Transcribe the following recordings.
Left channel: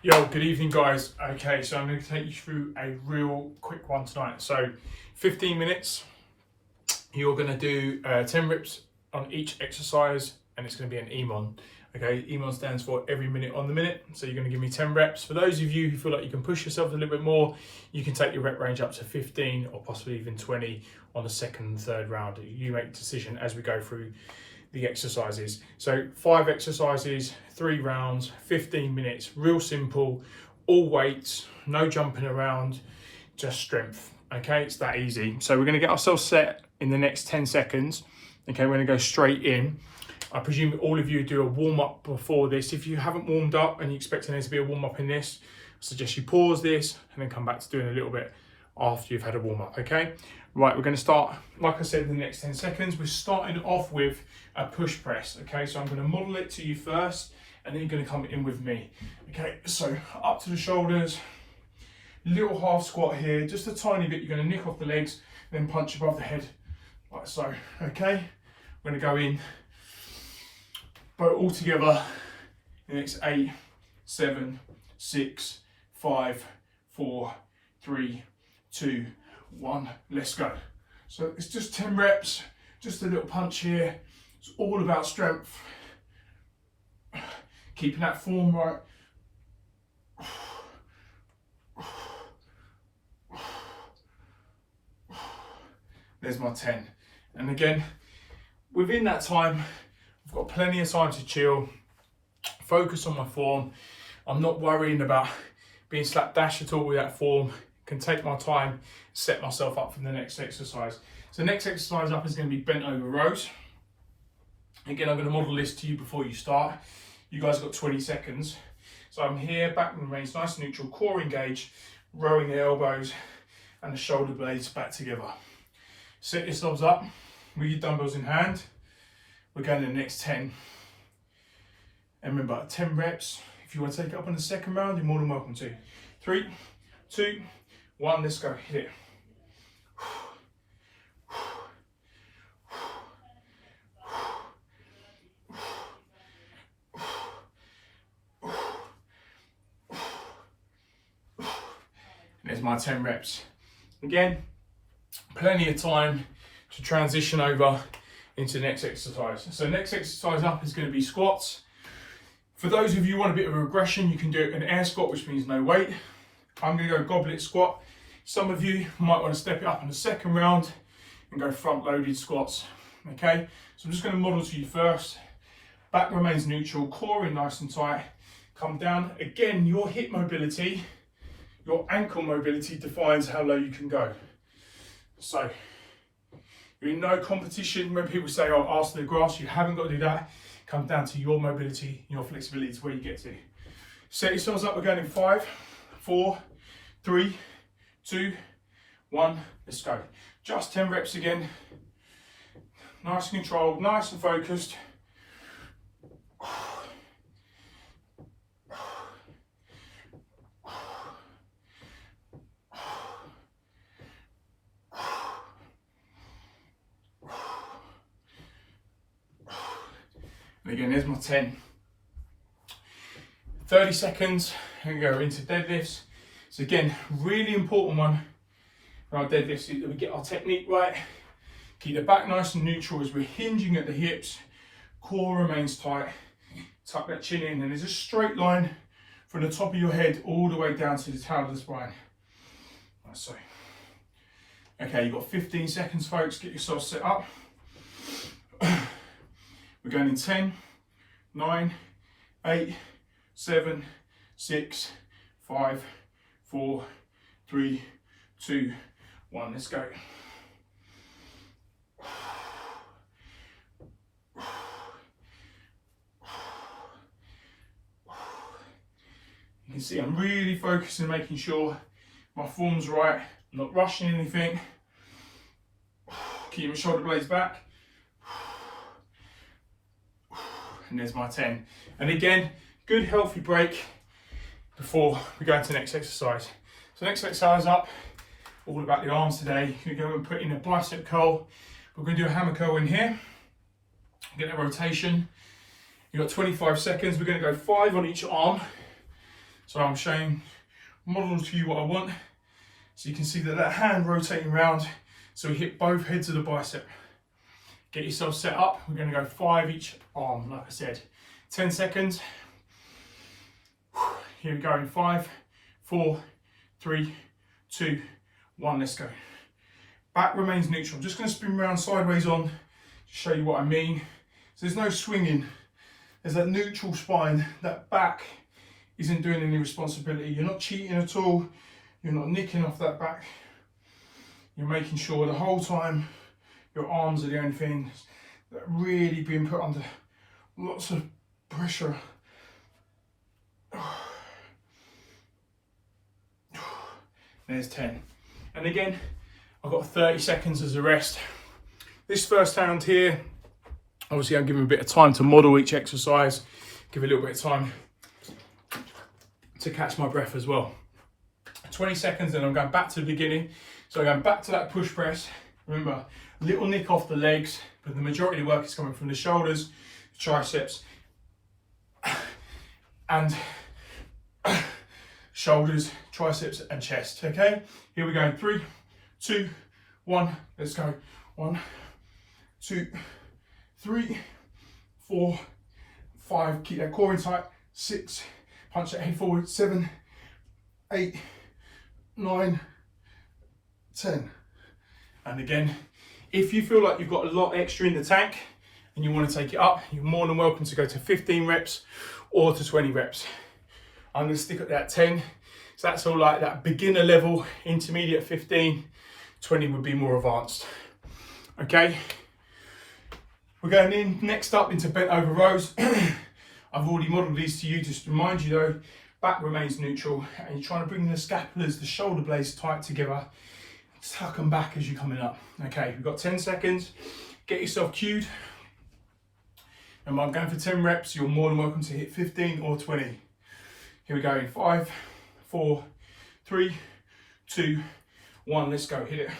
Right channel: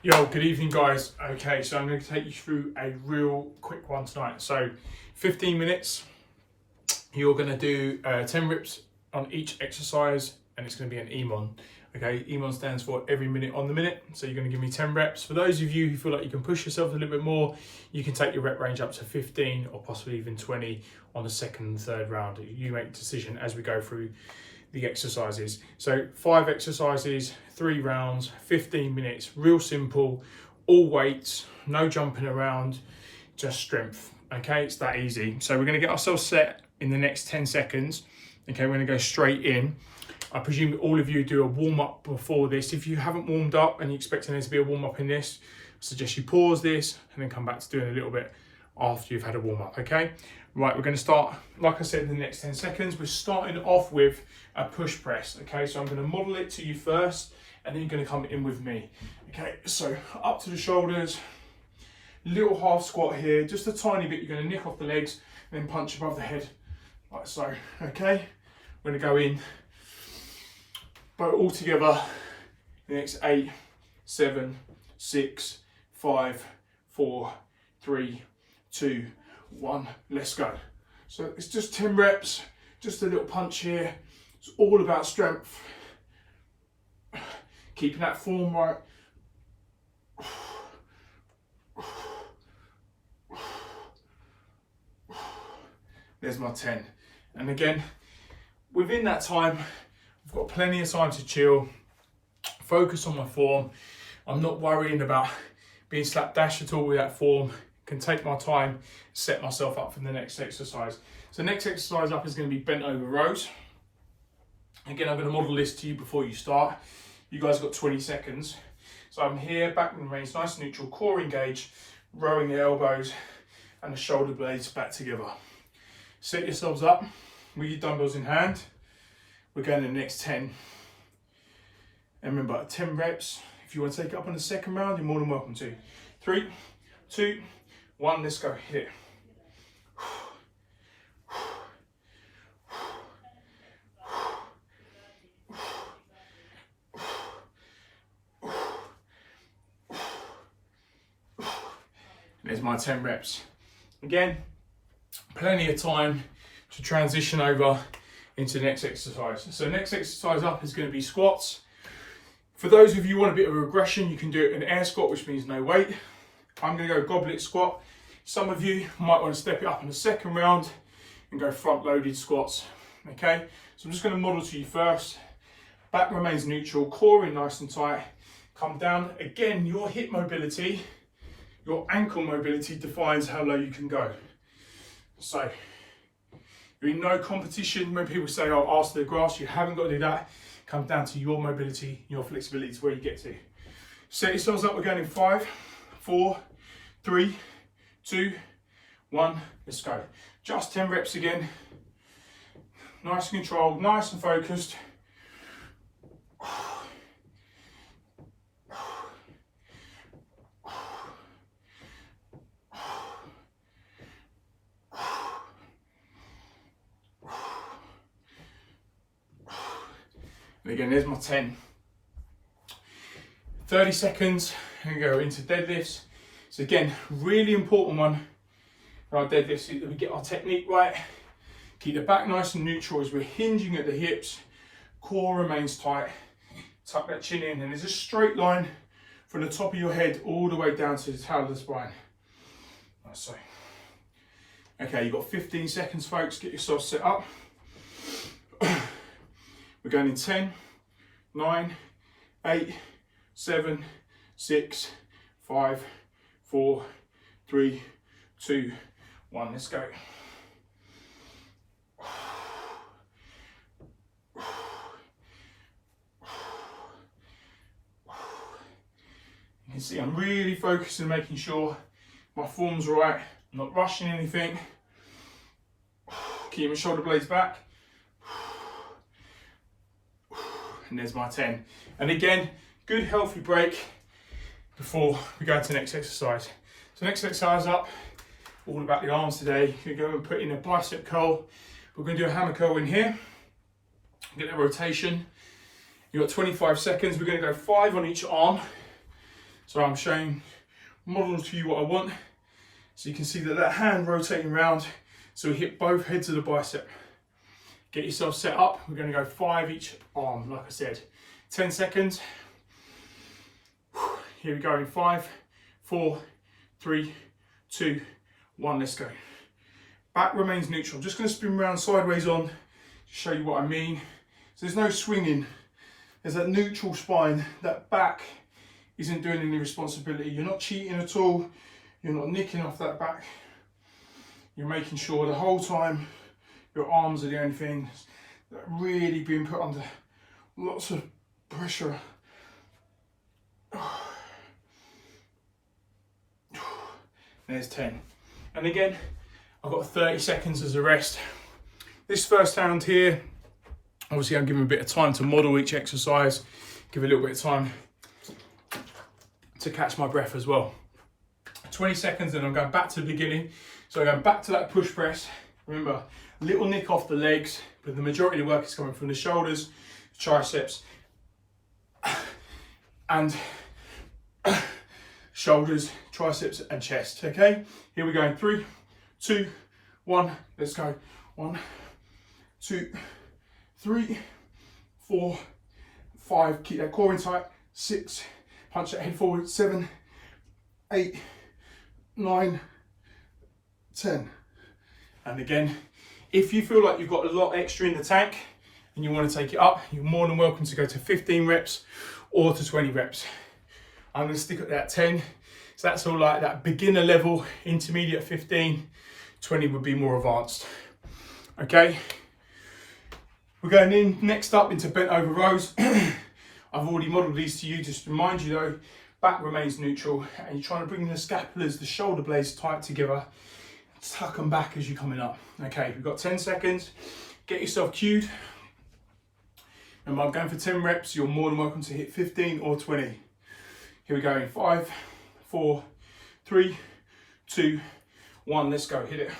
Yo, good evening guys. Okay, so I'm going to take you through a real quick one tonight. So 15 minutes, you're going to do 10 reps on each exercise and it's going to be an EMON. Okay, EMON stands for every minute on the minute. So you're going to give me 10 reps. For those of you who feel like you can push yourself a little bit more, you can take your rep range up to 15 or possibly even 20 on the second and third round. You make the decision as we go through the exercises. So 5 exercises, 3 rounds, 15 minutes, real simple, all weights, no jumping around, just strength. Okay, it's that easy. So we're going to get ourselves set in the next 10 seconds. Okay, we're going to go straight in. I presume all of you do a warm-up before this. If you haven't warmed up and you're expecting there to be a warm-up in this, I suggest you pause this and then come back to doing a little bit after you've had a warm-up, okay? Right, we're going to start, like I said, in the next 10 seconds. We're starting off with a push press, okay? So I'm going to model it to you first, and then you're going to come in with me. Okay, so up to the shoulders, little half squat here, just a tiny bit. You're going to nick off the legs, then punch above the head, like so, okay? We're going to go in, but all together, the next 8, 7, 6, 5, 4, 3, 2, 1, let's go. So it's just 10 reps, just a little punch here. It's all about strength. Keeping that form right. There's my 10. And again, within that time, I've got plenty of time to chill, focus on my form. I'm not worrying about being slapdash at all with that form. Can take my time, set myself up for the next exercise. So the next exercise up is going to be bent over rows. Again, I'm going to model this to you before you start. You guys got 20 seconds. So I'm here, back remains nice and neutral, core engaged, rowing the elbows and the shoulder blades back together. Set yourselves up with your dumbbells in hand. We're going to the next 10. And remember, 10 reps. If you want to take it up on the second round, you're more than welcome to. 3, 2, 1, let's go, hit it. There's my 10 reps. Again, plenty of time to transition over into the next exercise. So next exercise up is going to be squats. For those of you who want a bit of a regression, you can do an air squat, which means no weight. I'm going to go goblet squat. Some of you might want to step it up in the second round and go front loaded squats. Okay, so I'm just going to model to you first. Back remains neutral, core in nice and tight. Come down. Again, your hip mobility, your ankle mobility defines how low you can go. So you're in no competition. When people say, oh, ask the grass, you haven't got to do that. Come down to your mobility, your flexibility is where you get to. Set yourselves up. We're going in 5, 4, 3, 2, 1, let's go. Just 10 reps again. Nice and controlled, nice and focused. And again, there's my 10. 30 seconds, and go into deadlifts. So again, really important one for our deadlifts is that we get our technique right. Keep the back nice and neutral as we're hinging at the hips. Core remains tight. Tuck that chin in, and there's a straight line from the top of your head all the way down to the tail of the spine. Like so. Okay, you've got 15 seconds, folks. Get yourself set up. We're going in 10, 9, 8, 7, 6, 5, 4, 3, 2, 1. Let's go. You can see I'm really focusing, making sure my form's right. I'm not rushing anything. Keep my shoulder blades back. And there's my 10. And again, good healthy break before we go into the next exercise. So next exercise up, all about the arms today. You're going to go and put in a bicep curl. We're going to do a hammer curl in here. Get that rotation. You've got 25 seconds. We're going to go 5 on each arm. So I'm showing, model to you what I want. So you can see that hand rotating round, so we hit both heads of the bicep. Get yourself set up. We're going to go 5 each arm, like I said. 10 seconds. Here we go in 5, 4, 3, 2, 1, let's go. Back remains neutral. I'm just going to spin around sideways on to show you what I mean. So there's no swinging. There's that neutral spine. That back isn't doing any responsibility. You're not cheating at all. You're not nicking off that back. You're making sure the whole time your arms are the only thing that really being put under lots of pressure. There's 10. And again, I've got 30 seconds as a rest. This first round here, obviously I'm giving a bit of time to model each exercise, give a little bit of time to catch my breath as well. 20 seconds and I'm going back to the beginning. So I'm going back to that push press. Remember, little nick off the legs, but the majority of the work is coming from the shoulders, triceps, and shoulders, triceps, and chest. Okay, here we go in 3, 2, 1, let's go. 1, 2, 3, 4, 5, keep that core in tight. 6, punch that head forward. 7, 8, 9, 10. And again, if you feel like you've got a lot extra in the tank and you want to take it up, you're more than welcome to go to 15 reps or to 20 reps. I'm going to stick at that 10. So that's all like that beginner level, intermediate 15, 20 would be more advanced. Okay, we're going in next up into bent over rows. I've already modelled these to you, just to remind you though, back remains neutral and you're trying to bring the scapulars, the shoulder blades tight together, tuck them back as you're coming up. Okay, we've got 10 seconds, get yourself cued. And I'm going for 10 reps, you're more than welcome to hit 15 or 20. Here we go in 5, 4, 3, 2, 1, let's go, hit it.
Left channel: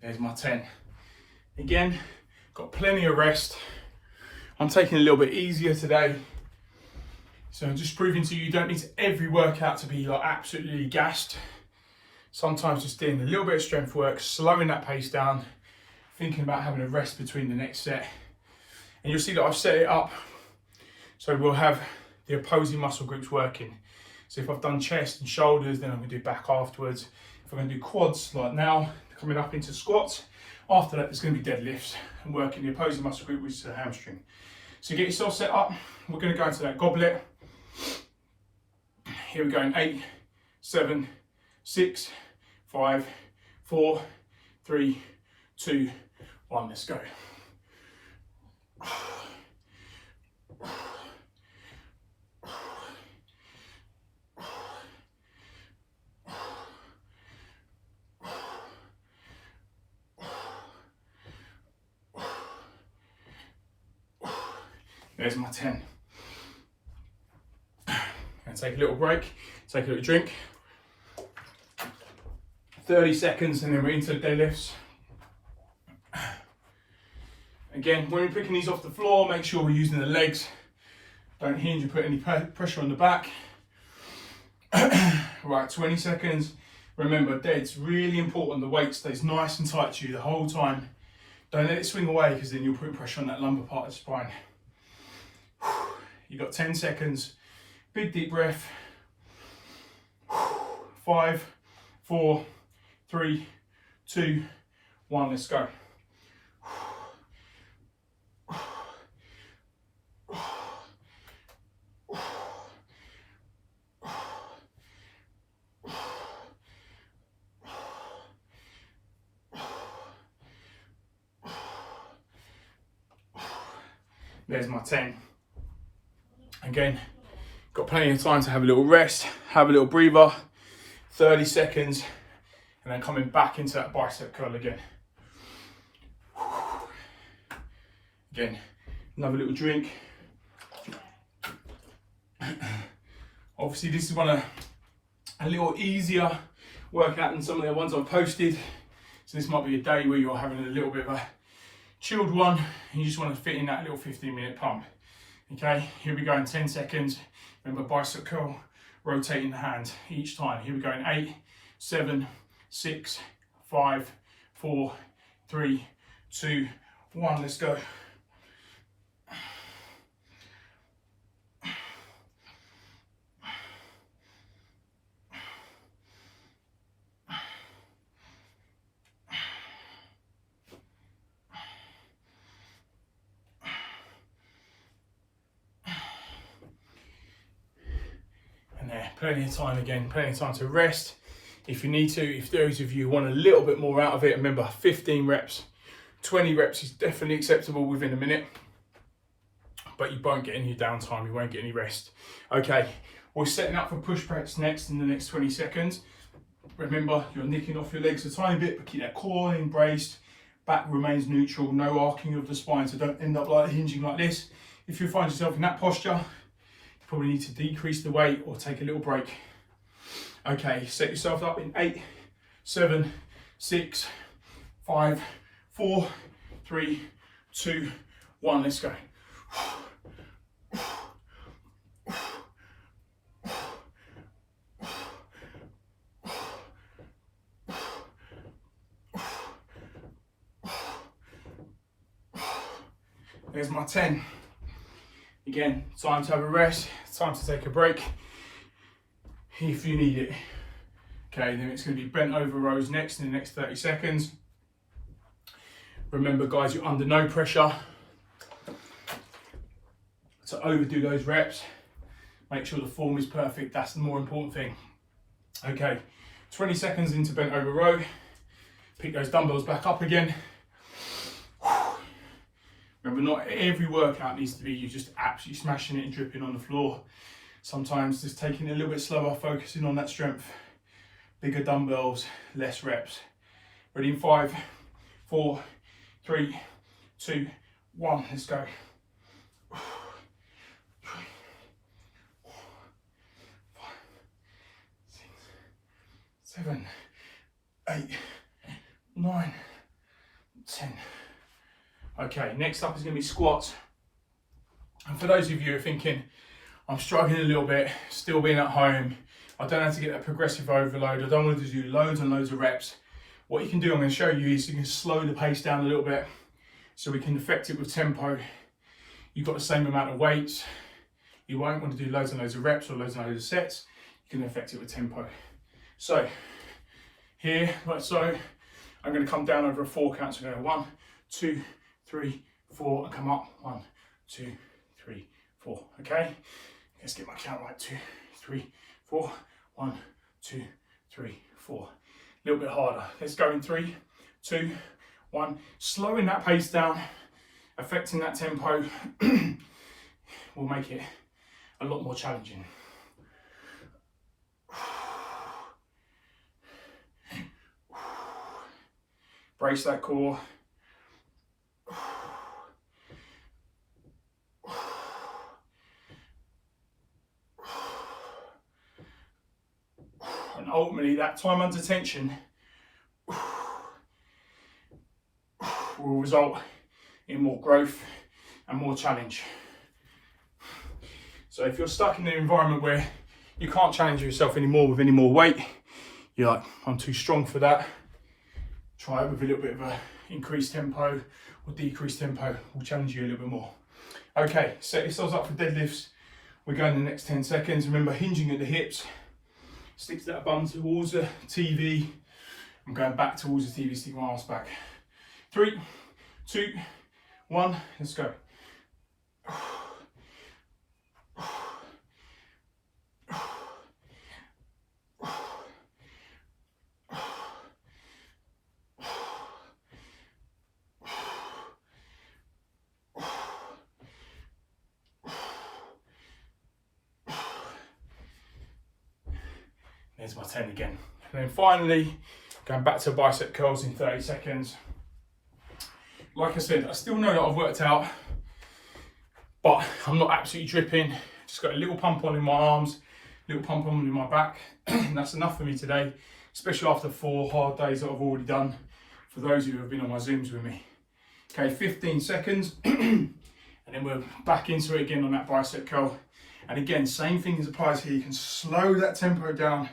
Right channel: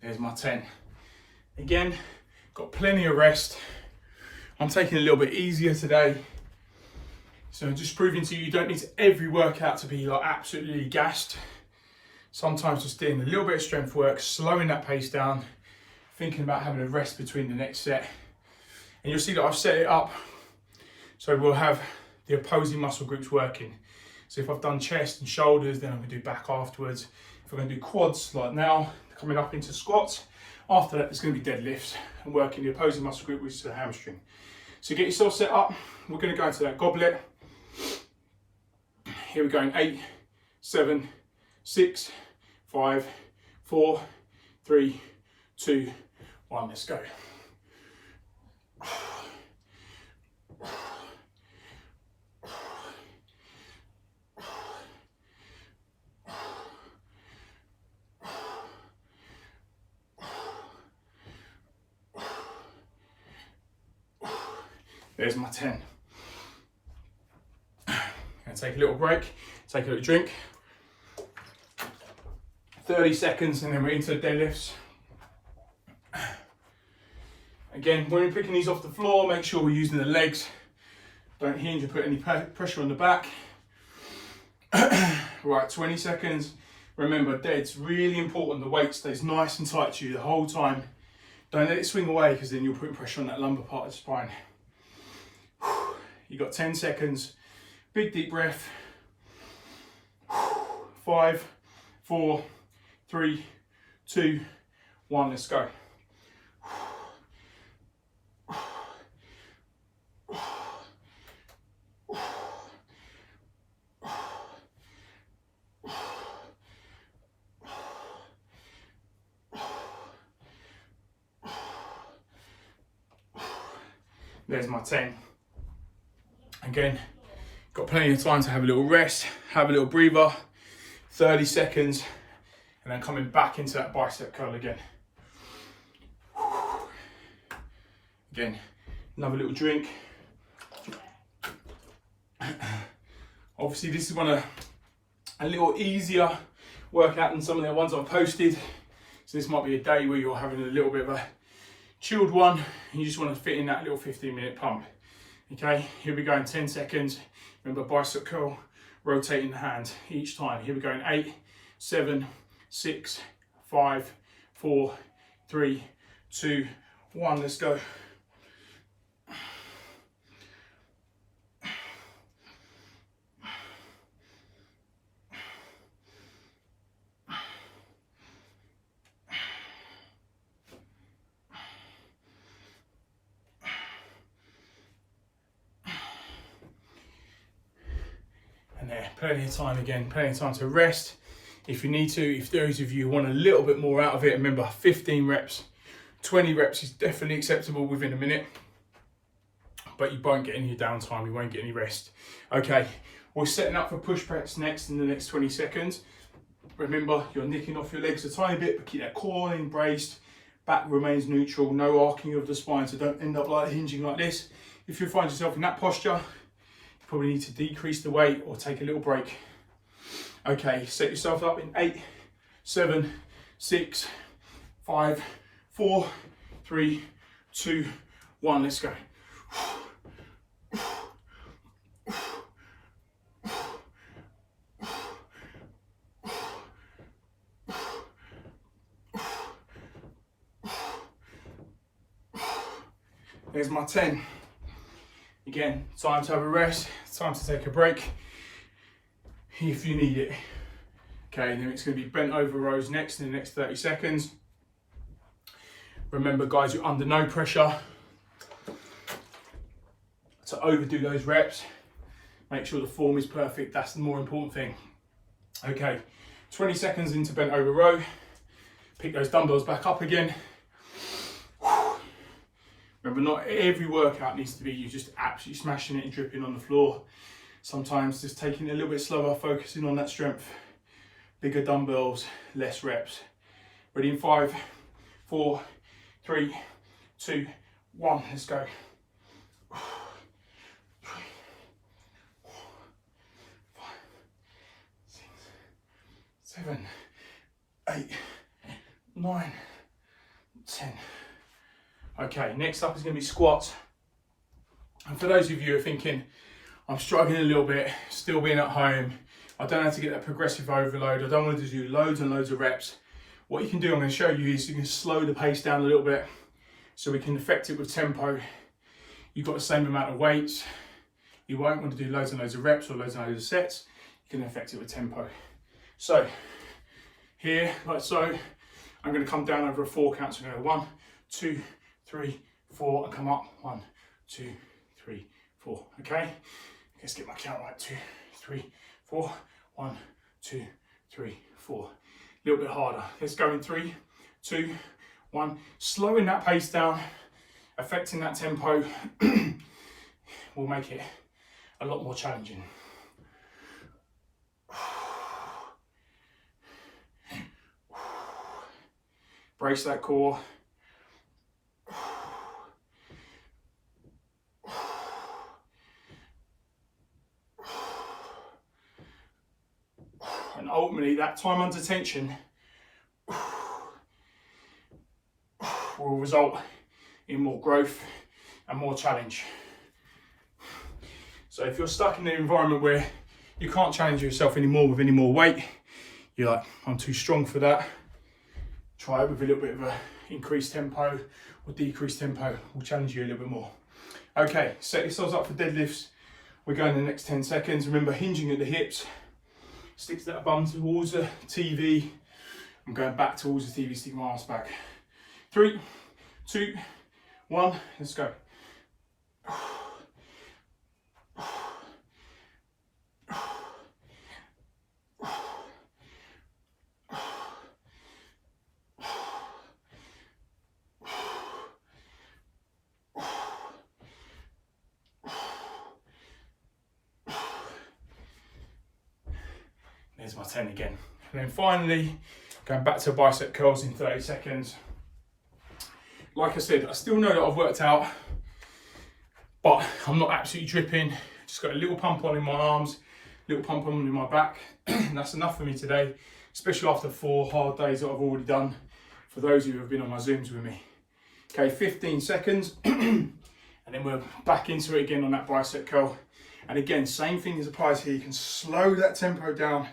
There's my 10. Again, got plenty of rest. I'm taking it a little bit easier today. So just proving to you, you don't need every workout to be like absolutely gassed. Sometimes just doing a little bit of strength work, slowing that pace down, thinking about having a rest between the next set. And you'll see that I've set it up so we'll have the opposing muscle groups working. So if I've done chest and shoulders, then I'm going to do back afterwards. If I'm going to do quads like now, coming up into squats, after that there's going to be deadlifts and working the opposing muscle group, which is the hamstring. So get yourself set up. We're going to go into that goblet. Here we go in 8, 7, 6, 5, 4, 3, 2, 1, let's go. There's my 10. And take a little break, take a little drink. 30 seconds and then we're into the deadlifts. Again, when you're picking these off the floor, make sure we're using the legs. Don't hinge or put any pressure on the back. Right, 20 seconds. Remember, it's really important the weight stays nice and tight to you the whole time. Don't let it swing away because then you're putting pressure on that lumbar part of the spine. You've got 10 seconds. Big deep breath. 5, 4, 3, 2, 1, let's go. There's my 10. Again, got plenty of time to have a little rest, have a little breather, 30 seconds, and then coming back into that bicep curl again. Again, another little drink. Obviously this is a little easier workout than some of the ones I've posted. So this might be a day where you're having a little bit of a chilled one. You just want to fit in that little 15-minute pump. Okay, here we go in 10 seconds. Remember, bicep curl, rotating the hand each time. Here we go in 8, 7, 6, 5, 4, 3, 2, 1. Let's go. And there, plenty of time again, plenty of time to rest if you need to. If those of you want a little bit more out of it, remember 15 reps, 20 reps is definitely acceptable within a minute, but you won't get any downtime, you won't get any rest. Okay, we're setting up for push press next in the next 20 seconds. Remember, you're nicking off your legs a tiny bit, but keep that core embraced, back remains neutral, no arcing of the spine, so don't end up like hinging like this. If you find yourself in that posture, probably need to decrease the weight or take a little break. Okay, set yourself up in 8, 7, 6, 5, 4, 3, 2, 1. Let's go. There's my 10. Again, time to have a rest, time to take a break if you need it. Okay, then it's going to be bent over rows next in the next 30 seconds. Remember guys, you're under no pressure to overdo those reps. Make sure the form is perfect, that's the more important thing. Okay, 20 seconds into bent over row. Pick those dumbbells back up again. Remember, not every workout needs to be you just absolutely smashing it and dripping on the floor. Sometimes just taking it a little bit slower, focusing on that strength. Bigger dumbbells, less reps. Ready in 5, 4, 3, 2, 1. Let's go. 3, 4, 5, 6, 7, 8, 9, 10. Okay, next up is going to be squats. And for those of you who are thinking, I'm struggling a little bit, still being at home, I don't have to get that progressive overload, I don't want to do loads and loads of reps. What you can do, I'm going to show you, is you can slow the pace down a little bit so we can affect it with tempo. You've got the same amount of weights. You won't want to do loads and loads of reps or loads and loads of sets. You can affect it with tempo. So, here, like so, I'm going to come down over a 4 count. So I'm going to go 1, 2, 3, 4, and come up. 1, 2, 3, 4. Okay, let's get my count right. 2, 3, 4. 1, 2, 3, 4. A little bit harder. Let's go in 3, 2, 1. Slowing that pace down, affecting that tempo will make it a lot more challenging. Brace that core. And ultimately, that time under tension will result in more growth and more challenge. So if you're stuck in an environment where you can't challenge yourself anymore with any more weight, you're like, I'm too strong for that, try it with a little bit of a increased tempo or decreased tempo. Will challenge you a little bit more. Okay, set yourselves up for deadlifts. We're going the next 10 seconds. Remember, hinging at the hips. Stick that bum towards the TV. I'm going back towards the TV, stick my arms back. 3, 2, 1, let's go. There's my 10 again. And then finally, going back to bicep curls in 30 seconds. Like I said, I still know that I've worked out, but I'm not absolutely dripping. Just got a little pump on in my arms, little pump on in my back. That's enough for me today, especially after 4 hard days that I've already done, for those of you who have been on my Zooms with me. Okay, 15 seconds, and then we're back into it again on that bicep curl. And again, same thing as applies here. You can slow that tempo down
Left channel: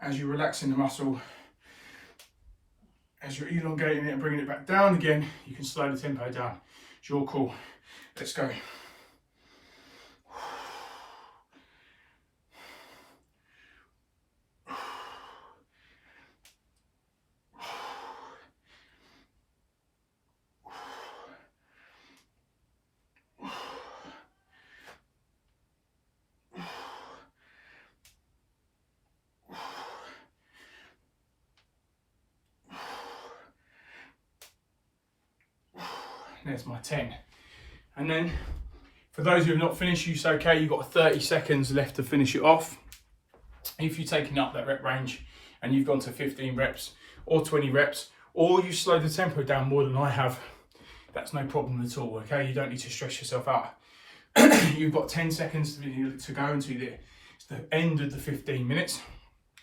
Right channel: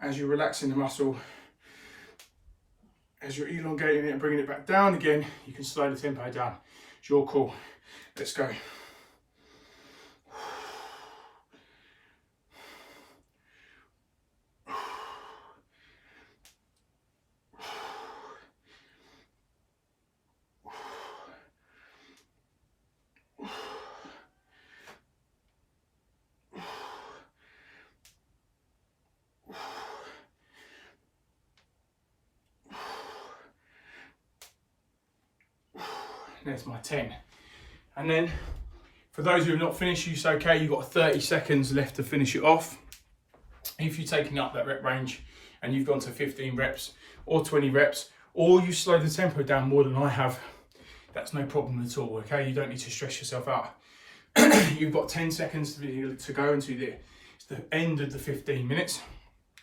as you're relaxing the muscle. As you're elongating it and bringing it back down again, you can slow the tempo down. It's your call. Let's go. There's my 10. And then for those who have not finished, you say, okay, you've got 30 seconds left to finish it off. If you've taken up that rep range and you've gone to 15 reps or 20 reps, or you slow the tempo down more than I have, that's no problem at all, okay? You don't need to stress yourself out. You've got 10 seconds to go into it's the end of the 15 minutes.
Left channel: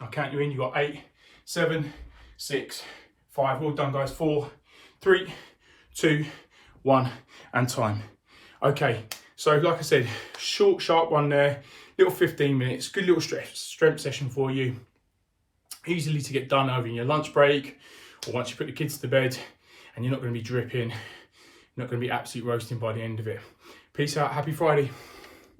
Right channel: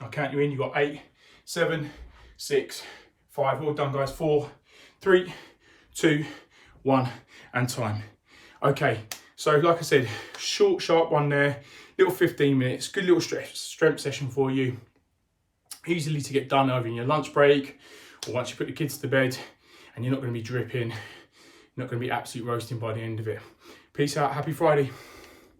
I'll count you in. You've got 8, 7, 6, 5. All done, guys. 4, 3, 2, 1, and time. Okay, so like I said, short, sharp one there, little 15 minutes, good little strength session for you. Easily to get done over in your lunch break, or once you put the kids to bed, and you're not going to be dripping, you're not going to be absolute roasting by the end of it. Peace out, happy Friday.